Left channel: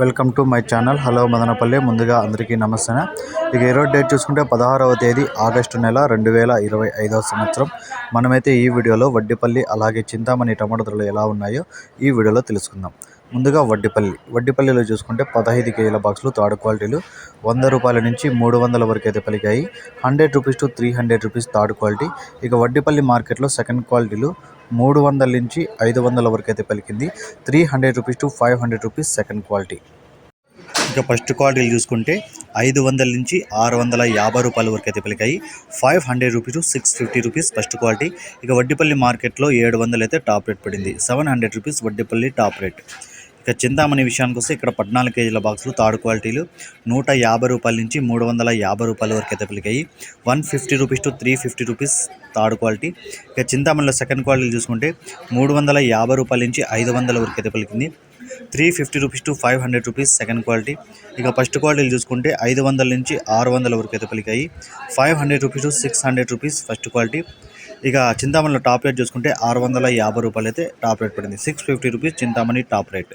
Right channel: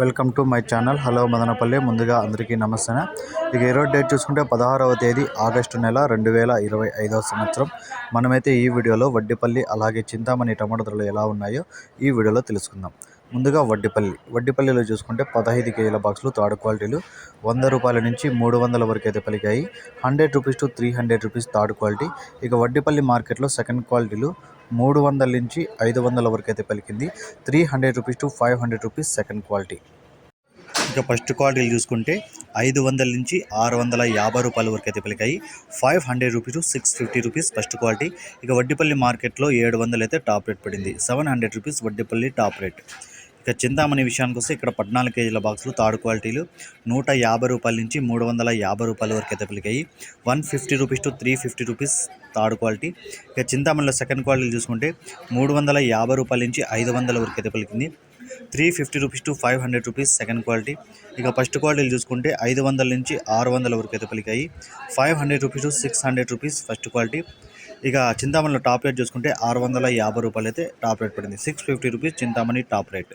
Welcome to my channel. Hello Madanapalle. ముందుగా అందరికీ నమస్తే ఇక ఈరోజు డేట్ చూసుకుంటే పదహారవ తేదీ ఆగస్టు నెల రెండు వేల ఇరవై ఐదవ సంవత్సరం. మనమైతే ఈ వీడియోలో వడ్డిపల్లి అలాగే చింతామణి టమాటో ధరలు ఎలా ఉన్నాయో ఈ వీడియోలో తెలుసుకుందాం. ముందుగా వడ్డిపల్లి. వడ్డిపల్లిలో చూసుకుంటే పదహైదు కేజీల బాక్సులు థర్డ్ క్వాలిటీలు వంద రూపాయల నుంచి మూడు వందల వరకు అయితే పలికాయి hundred rupees to three hundred rupees third quality. ఇక వడ్డిపల్లి మార్కెట్లో సెకండ్ క్వాలిటీలు మూడు వందల నుంచి ఐదు వందల వరకు అయితే పలికింది three hundred rupees to five hundred rupees second quality. ఇక ఫస్ట్ క్వాలిటీలు చూసుకుంటే ఐదు వందల నుంచి ఆరు వందల యాభై రూపాయల వరకు అయితే పలికాయి five hundred rupees to six fifty rupees first quality. ఇక వడ్డిపల్లి మార్కెట్లో ఏడు వందలు అయితే టాప్ రేట్ పడింది. Seven hundred rupees Vaddipalli top rate. ఇక చింతామణి విషయానికి వస్తే ఇక్కడ పద్నాలుగు కేజీల బాక్సులు థర్డ్ క్వాలిటీలు నూట యాభై రూపాయల నుంచి మూడు వందల యాభై రూపాయల వరకు అయితే పలికాయి one fifty rupees to three fifty rupees third quality. ఇక చింతామణిలో సెకండ్ క్వాలిటీ చూసుకుంటే మూడు వందల యాభై రూపాయల నుంచి ఐదు వందల వరకు అయితే పలికింది three fifty rupees to five hundred rupees second quality. ఇక ఫస్ట్ క్వాలిటీలు చూసుకుంటే ఐదు వందల నుంచి ఆరు వందల వరకు అయితే పలికాయి five hundred rupees to six hundred rupees first quality. ఇక చింతామణిలో టాప్ రేట్ చూసుకుంటే ఆరు వందల యాభై రూపాయలు అయితే టాప్ రేట్ పడింది. Six fifty rupees Chintamani top rate.